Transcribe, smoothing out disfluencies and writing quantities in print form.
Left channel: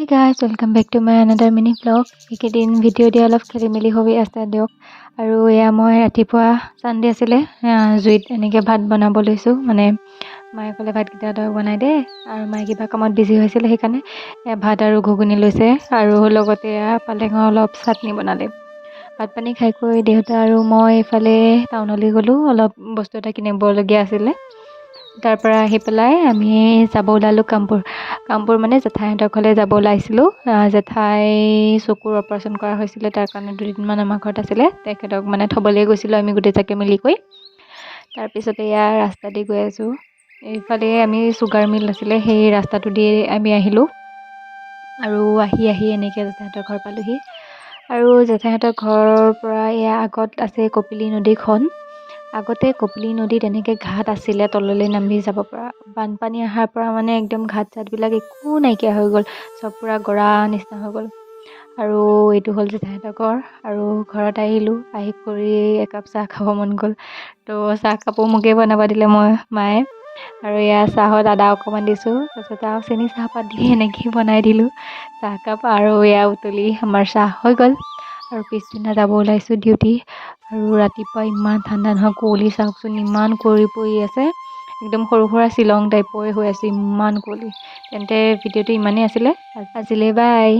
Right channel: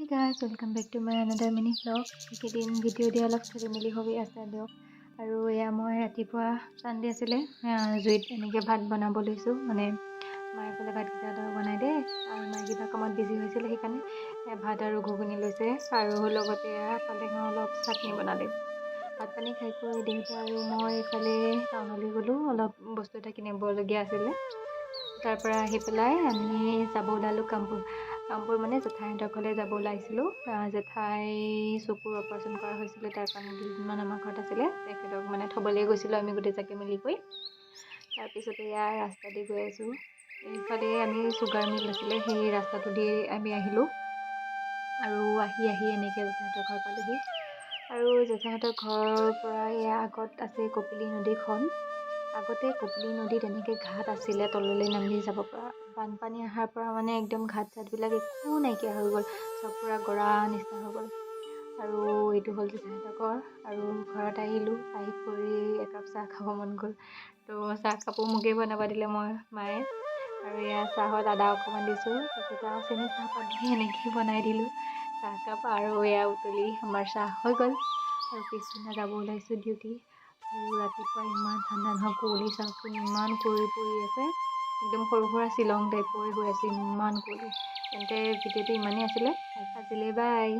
Hey guys, welcome back to my another mini vlog. এইকেইদিন video' দিয়া অলপ খেলি মেলি হৈ আছে দিয়ক। আৰু এয়া মই ৰাতিপুৱা চানডে আছিলে জুইত এনেকৈ ভাত বনাব লৈছোঁ। মানে মায়ে ক'লে ভাতকেইটা তই বনাই দে, আৰু মায়ে কিবা কামত বিজি হৈছিলে সেইকাৰণে ভাত আৰু ঘুগুনি লৈছে, আৰু লগতে পালেঙৰ অলপ চাটনি বনালে। ভাত পানী খাই কৰি দেউতা আৰু মই এইফালে টাউনলৈ গ'লোঁ, অলপ বস্তু এটা কিনিবলগীয়া আছিলে। তাৰ পৰা আহি পেলাই আমি যাব ওলালোঁ কামপুৰ মানে জেঠাইহঁতৰ ঘৰলৈ যাব ওলাইছিলোঁ। জেঠাই চকুৰ অপাৰেশ্যন কৰা হৈছিলে, তাৰ কাৰণে দুদিনমান আমাৰ ঘৰত আছিলে। তেখেতক মানে থ'বলৈ গৈছিলোঁ আমি গোটেইজাকে মিলি কৰি। তাৰপিছতে ইয়াৰ ৰাস্তা দি গৈ আছোঁ, এইফালে আমি চুগাৰ মিল আছিলে, সেই ৰাস্তাটো দি আমি আহিলোঁ। আৰু আহি এনেকৈ জেঠাইহঁতৰ ঘৰ পালোঁহি। আৰু জেঠাইহঁতৰ ঘৰৰ পৰা ইয়াৰ আগত আছে কপিলী নদীখন। আগতে কপিলী নদীত এনেকৈ ঘাট আছিলে তললৈ নামি যাব পৰা। বানপানী অহাৰ পৰা মানে একদম ঘাট চাটবিলাক একো নাইকিয়া হৈ গ'ল, চব পূৰা গৰা নিচিনা হৈ গ'ল। আৰু এইটো হ'ল জেঠাইহঁতৰ ঘৰ। আৰু ঘৰত আহিলোঁ, আহি কৰি একাপ চাহ খাব মন গ'ল, তো চাহকাপো মোকেই বনাব দিলে মায়ে। আৰু এয়া চাহত আদা অকণমান দিছোঁ, তাৰপিছত আৰু চেনি চাহপাত দি এনেকৈ বনাই দিলোঁ চাহকাপ। আৰু এয়া উতলি আমাৰ চাহ হৈ গ'ল। আৰু পিছদিনা যাব ওলাইছোঁ ডিউটি। আৰু ৰাতিপুৱা ইমান ঠাণ্ডা নহয়, কুঁৱলী চাওকচোন ইমান কুঁৱলী পৰি আছে, একদম সৰু সুৰা শ্বিলং টাইপৰে হৈ আছে, ইমান কুঁৱলী। তেন্তে ভিডিঅ'টো ইমানেই আছিলে আজিলৈ, বাই।